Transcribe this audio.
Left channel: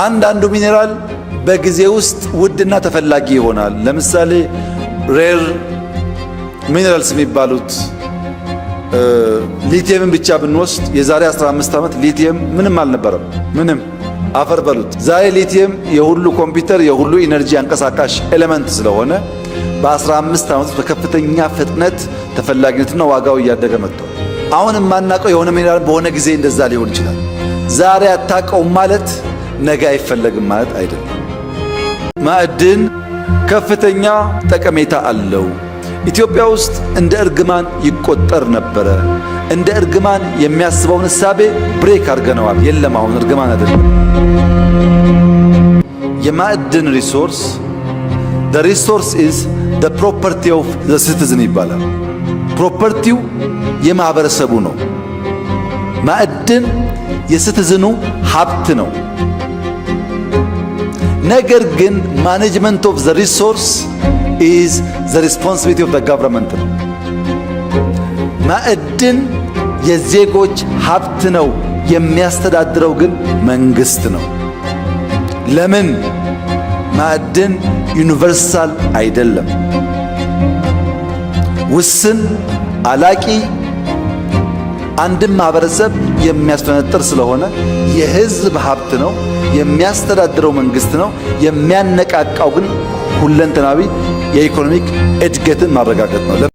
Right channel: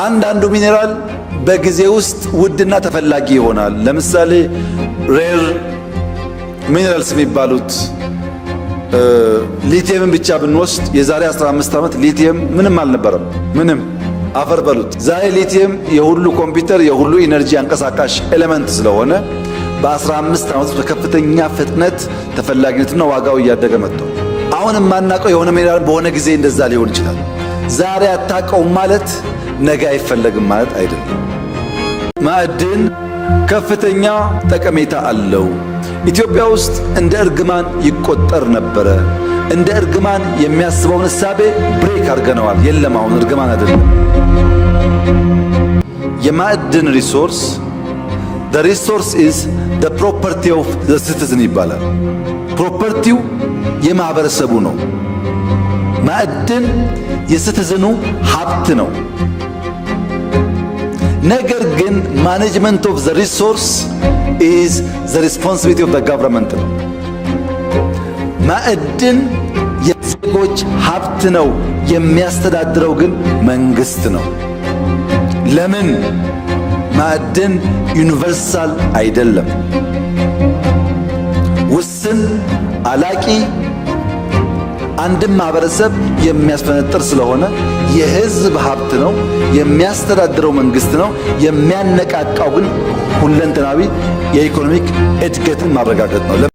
አንዳንዱ ሚኔራል በጊዜ ውስጥ ውድና ተፈላጊ ይሆናል። ለምሳሌ ሬር ሚኔራልስ የሚባሉት ሊቲየምን ብቻ ብንወስድ የዛሬ 15 ዓመት ሊቲየም ምንም አልነበረም። ምንም አፈር በሉት። ዛሬ ሊቲየም የሁሉ ኮምፒውተር የሁሉ ኢነርጂ አንቀሳቃሽ ኤሌመንት ስለሆነ በ15 ዓመት በከፍተኛ ፍጥነት ተፈላጊነትና ዋጋው እያደገ መጥቷል። አሁን የማናውቀው የሆነ ሚኔራል በሆነ ጊዜ እንደዛ ሊሆን ይችላል። ዛሬ አታውቀውም ማለት ነገ አይፈለግም ማለት አይደለም። ማዕድን ከፍተኛ ጠቀሜታ አለው። ኢትዮጵያ ውስጥ እንደ እርግማን ይቆጠር ነበረ። እንደ እርግማን የሚያስበውን እሳቤ ብሬክ አድርገነዋል። የለም አሁን እርግማን አይደለም። የማዕድን ሪሶርስ the resource is the property of the citizen ይባላል። ፕሮፐርቲው የማህበረሰቡ ነው። ማዕድን የሲቲዝኑ ሀብት ነው። ነገር ግን ማኔጅመንት ኦፍ ዘ ሪሶርስ ኢዝ ዘ ሪስፖንሲቢሊቲ ኦፍ ዘ ገቨርንመንት ነው። ማዕድን የዜጎች ሀብት ነው። የሚያስተዳድረው ግን መንግስት ነው። ለምን? ማዕድን ዩኒቨርሳል አይደለም። ውስን አላቂ አንድም ማህበረሰብ የሚያስፈነጥር ስለሆነ የህዝብ ሀብት ነው። የሚያስተዳድረው መንግስት ነው። የሚያነቃቃው ግን ሁለንተናዊ የኢኮኖሚክ እድገትን ማረጋገጥ ነው።